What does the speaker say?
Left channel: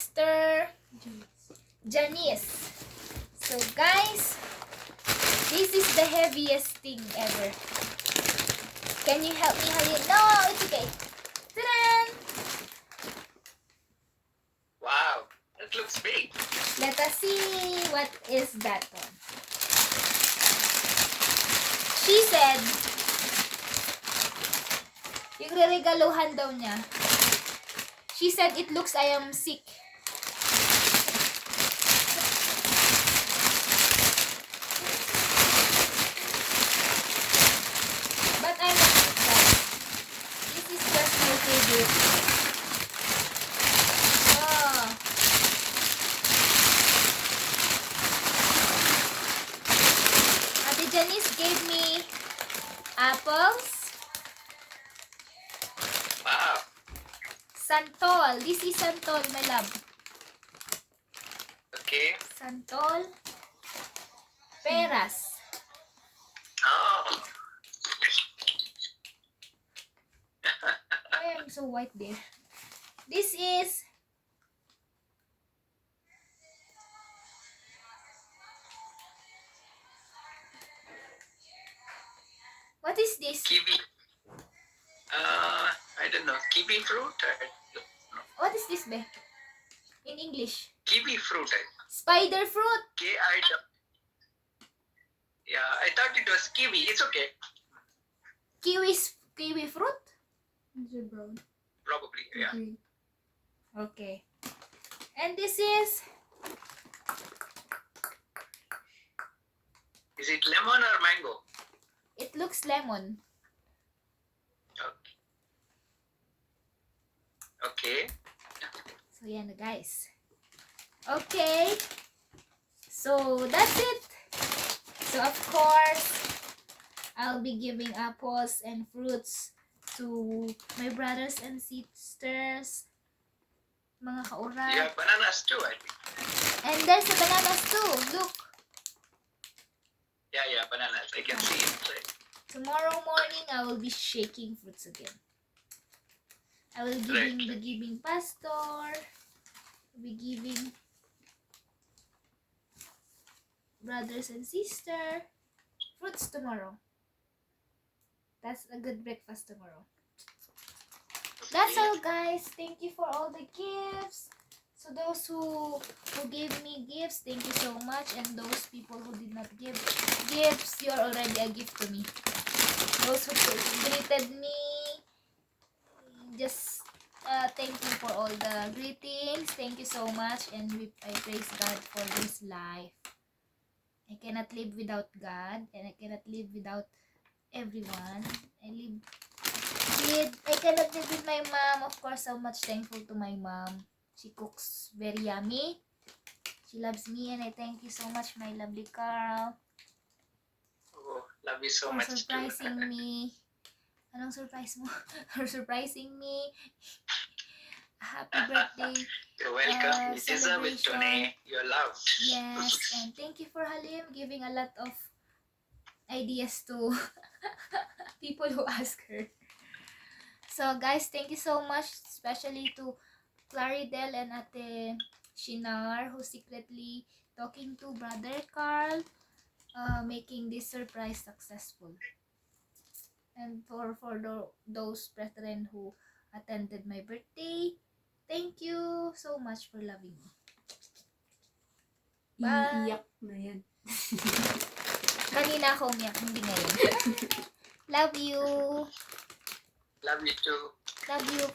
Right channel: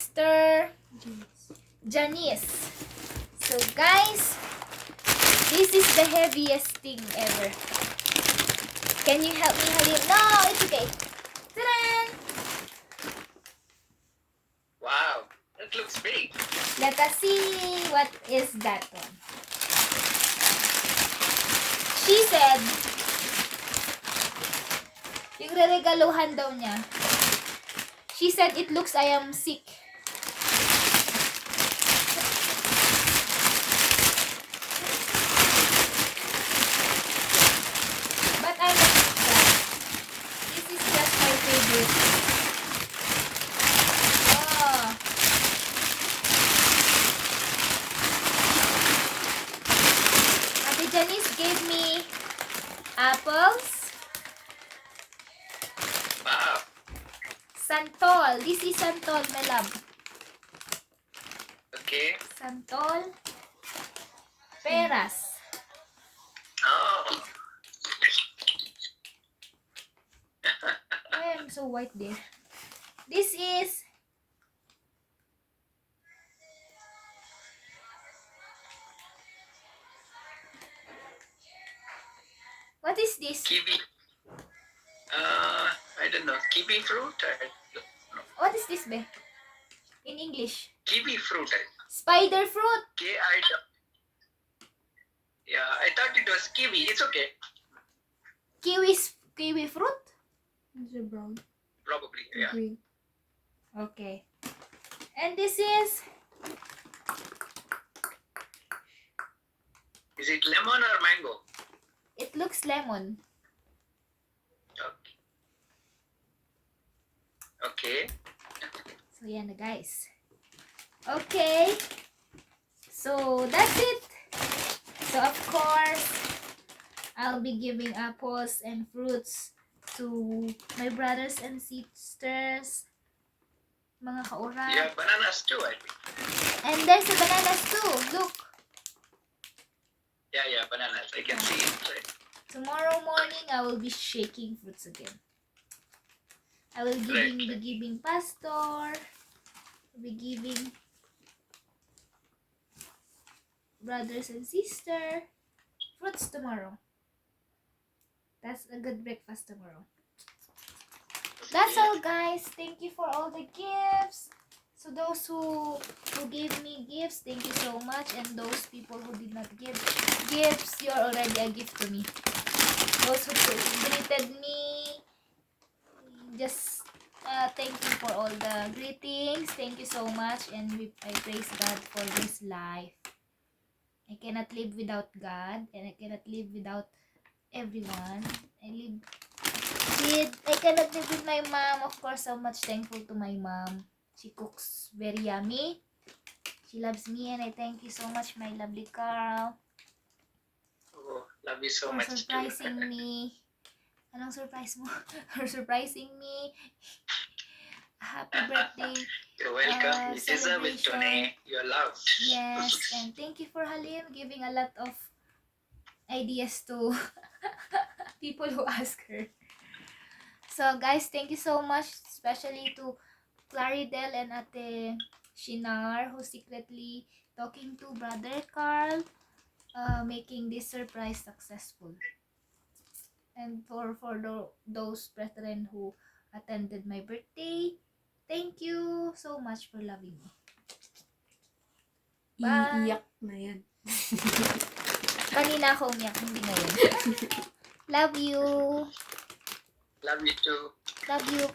Sister Janice. So guys, this is the heaviest thing ever. Can you help me, Halim? No, it's okay. Ta-da! Wow, that looks big. Let us see what is that one. She said, yung reregaluhan daw niya. She said it looks I am sick. But I'm not sick. This is just my favorite. Oh. Ate Janice gave me apples. Wow. Santol. This is santol, my love. Okay. Santol. Peras. Oh. Why I'm so white there? This is what is this? Kiwi. I don't know. Kiwi fruit? What is this, be? In English. Kiwi fruit. Spider fruit. K-I. Yeah, I thought it was kiwi. It's okay. Kiwi fruit? Is it brown? Probably, yeah. Green. Okay. And this is Is it lemon or mango? it looks lemon. Okay. So yan na guys. Okay. So that's it. So of course, I'll be giving apples and fruits to my brothers and sisters, mga You kaurag. have bananas too, I think. And there's the bananas too. Look. Yeah, bananas. I can see it. Tomorrow morning, I will be shaking fruits again. I will be giving pastor. I'll be giving brothers and sister fruits tomorrow. That's a good breakfast tomorrow. That's all, guys. Thank you for all the gifts. So those who gave me gifts, thank you so much. And those people who did not give gifts, you're already a gift to me. Those who greeted me, just thank you for all the greetings. Thank you so much. And I praise God for this life. I cannot live without God. And I cannot live without everyone. I cannot live with my mom. Of course, so much thankful to my mom. She cooks very yummy. She loves me, and I thank you so much, my lovely Carl, Oh, love you so for much surprising too. me. Anong surprise mo? For surprising me. Happy birthday. You're welcome. You deserve it, Celebration. Tony. You're loved. Yes, and thank you for Halim giving a lot of ideas to people who ask her. So guys, thank you so much, especially to Claridel and Ate Shinar, who secretly talking to Brother Carl, making this surprise successful. And for those brethren who attended my birthday, thank you so much for loving me. Bye! Iiyak na yan. Kanina ako umiyak, hindi ngayon. Love you! Love you too. Love you!